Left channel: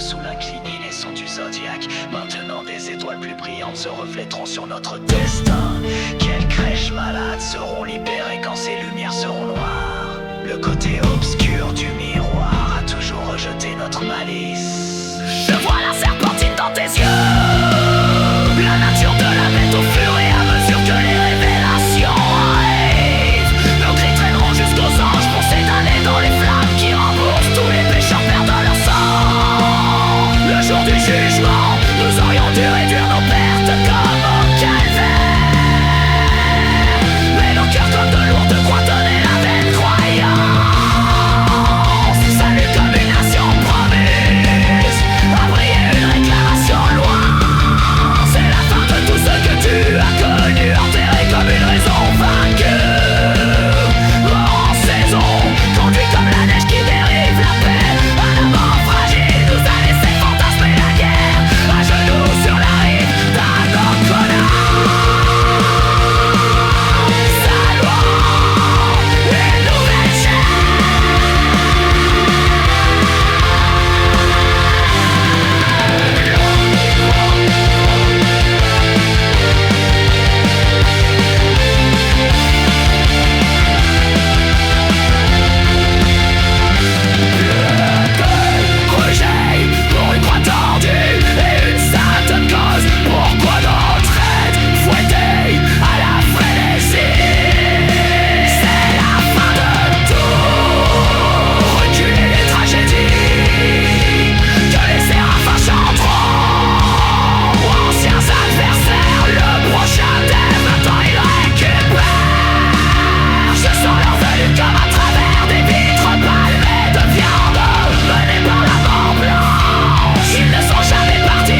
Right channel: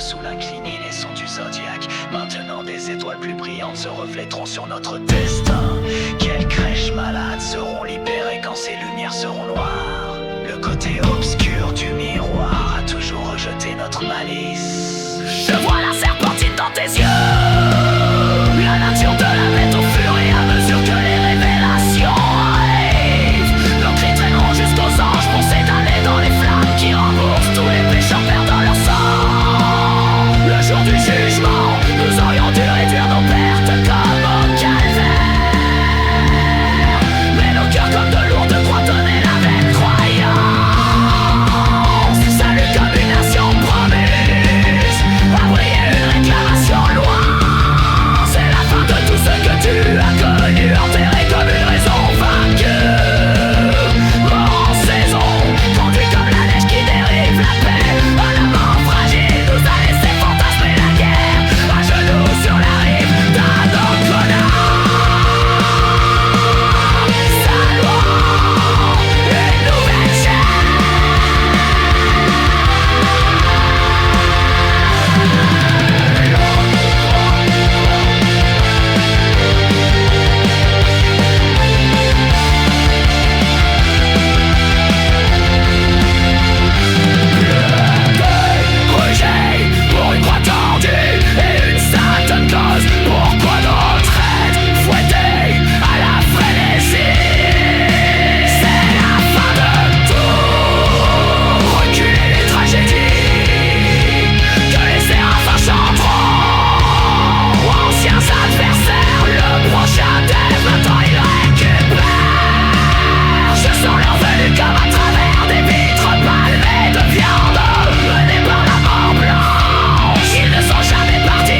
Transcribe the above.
sous l'inclinaison du zodiaque. Maintenant des étoiles plus brillantes se reflèteront sur notre destin. Quelles crèches malades seront libérées quand ces lumières seront noires. Le côté obscur du miroir a toujours rejeté notre malice. Je vois la serpentine dans tes yeux, la nature de la bête au fur et à mesure que les révélations arrivent. Nos cris traîneront jusqu'aux anges pour s'édaner dans les flammes qui remboursent tous les pécheurs perdant leur sang. Le jour du jugement, nous aurions dû réduire nos pertes comme au calvaire. Mais nos cœurs comme de lourdes croix tenaient la vaine croyance. Salut comme une nation promise à briller une réclamation loin. C'est la fin de tout ce que tu as connu, enterré comme une raison vaincue. Mort en saison, conduit comme la neige qui dérive la paix. Un amant fragile nous a laissé fantasmer la guerre. À genoux sur la rive d'Annapurna. Saluons une nouvelle pour une croix tordue et une certaine cause. Pourquoi notre aide fouettée à la frénésie? C'est la fin de tout. Reculer les tragédies que les séraphins chanteront. Anciens adversaires, le prochain dev, maintenant il récupère. Je sens leur venue comme à travers des vitres palmées de viande, menées par la mort blanche. Ils ne sont jamais partis